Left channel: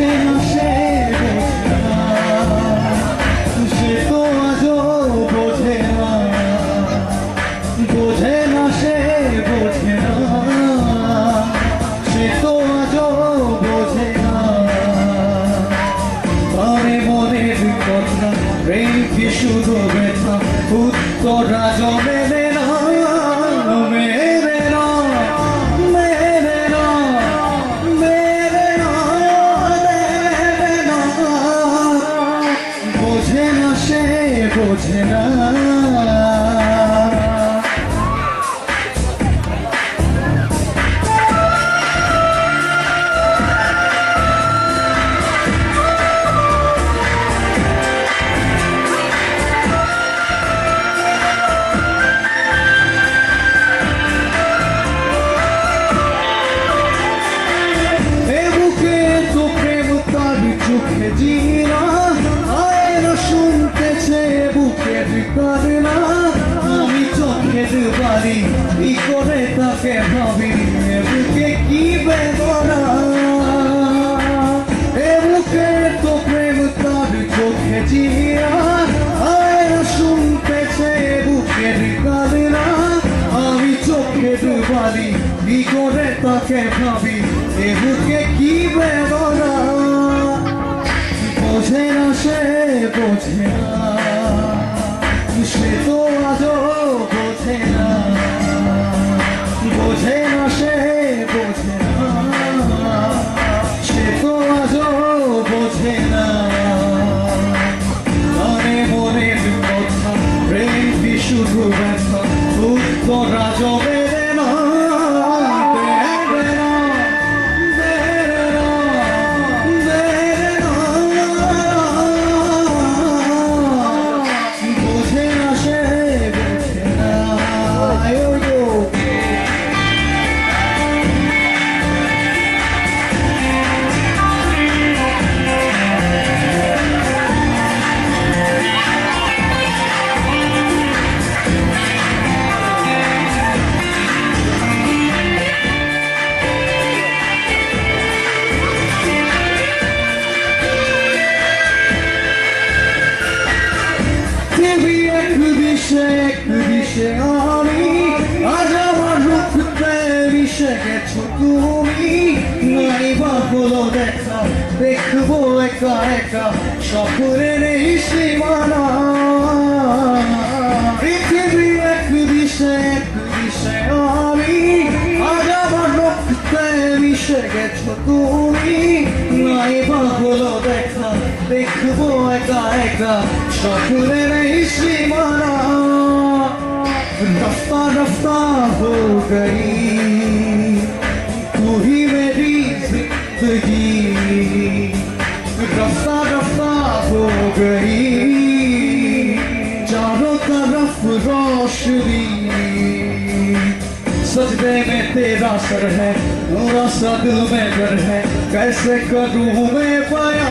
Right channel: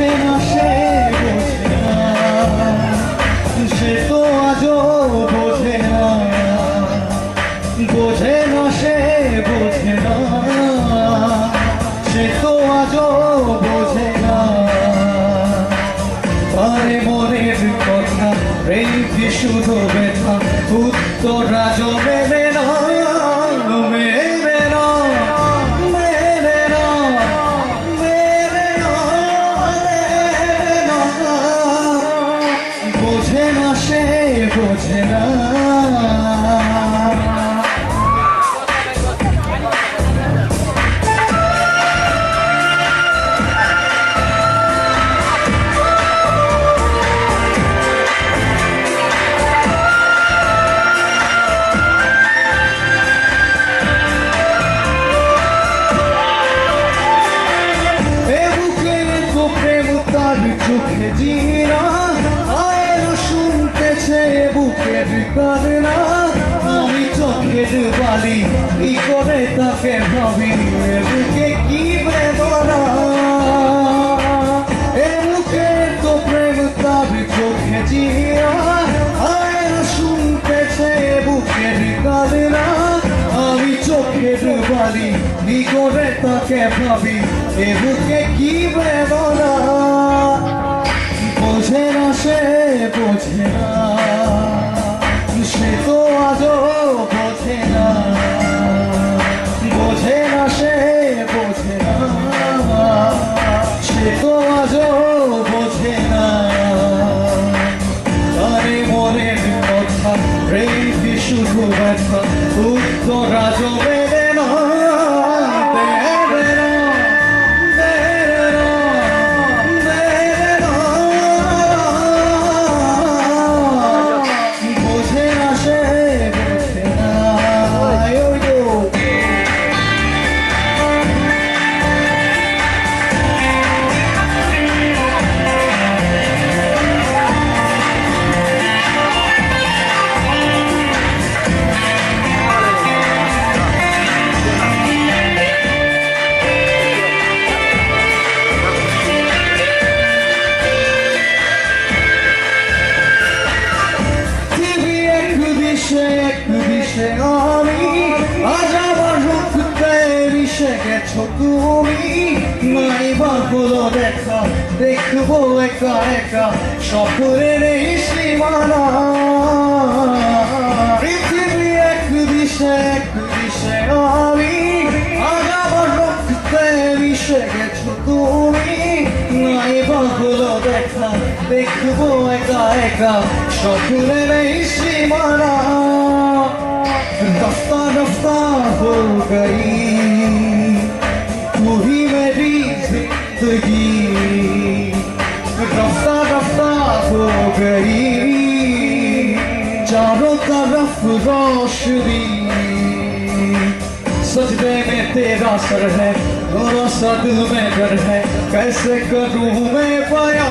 বোঝে না সে বোঝে না, সে তো আজও বোঝে না, বোঝে না সে বোঝে না, সে তো আজও বোঝে না। পারে মনের কথা প্রেম কি শুধু ব্যথা, উত্তর আজ মেলে না, মেলে না, মেলে না, মেলে না, মেলে না। বোঝে না সে বোঝে না। চোখে জিনা আয় শুনতেছে বুকের কান্না, আমি চোখের বাড়ি কি করে তাকে ভাবি, বুকে কি বেদনা, এ বুকে তো প্রেম তাবি চোখে জিনা আয় শুনতেছে বুকের কান্না, আমি চোখের বাড়ি কি করে তাকে ভাবি, এ বুকে কি বেদনা। বোঝে না সে বোঝে না, সে তো আজও বোঝে না, বোঝে না সে বোঝে না, সে তো আজও বোঝে না। আরে মনের কথা প্রেম কি শুধু ব্যথা, উত্তর আজও মেলে না, দেবে না, দেবে না, দেবে না। বোঝে না সে বোঝে না। এক দিশে আমি আজ আমার রূপতে মিশে গেছো তুমি, নাই বা হলো দেখা, দেখবো একা একা সকলের এই সীমানা। পৃথিবী এক দিশে আমি আজ আমার রূপতে মিশে গেছো তুমি, নাই বা হলো দেখা, দেখবো একা একা সকলের এই সীমানা। रफ्ता रफ्ता हो गई तू ही मेरी जिंदगी, रफ्ता रफ्ता हो गई चारों तरफ रोशनी, सजदे में तेरा सर है, मेरा सा दिल में घर है, कैसे करूं मैं पाया।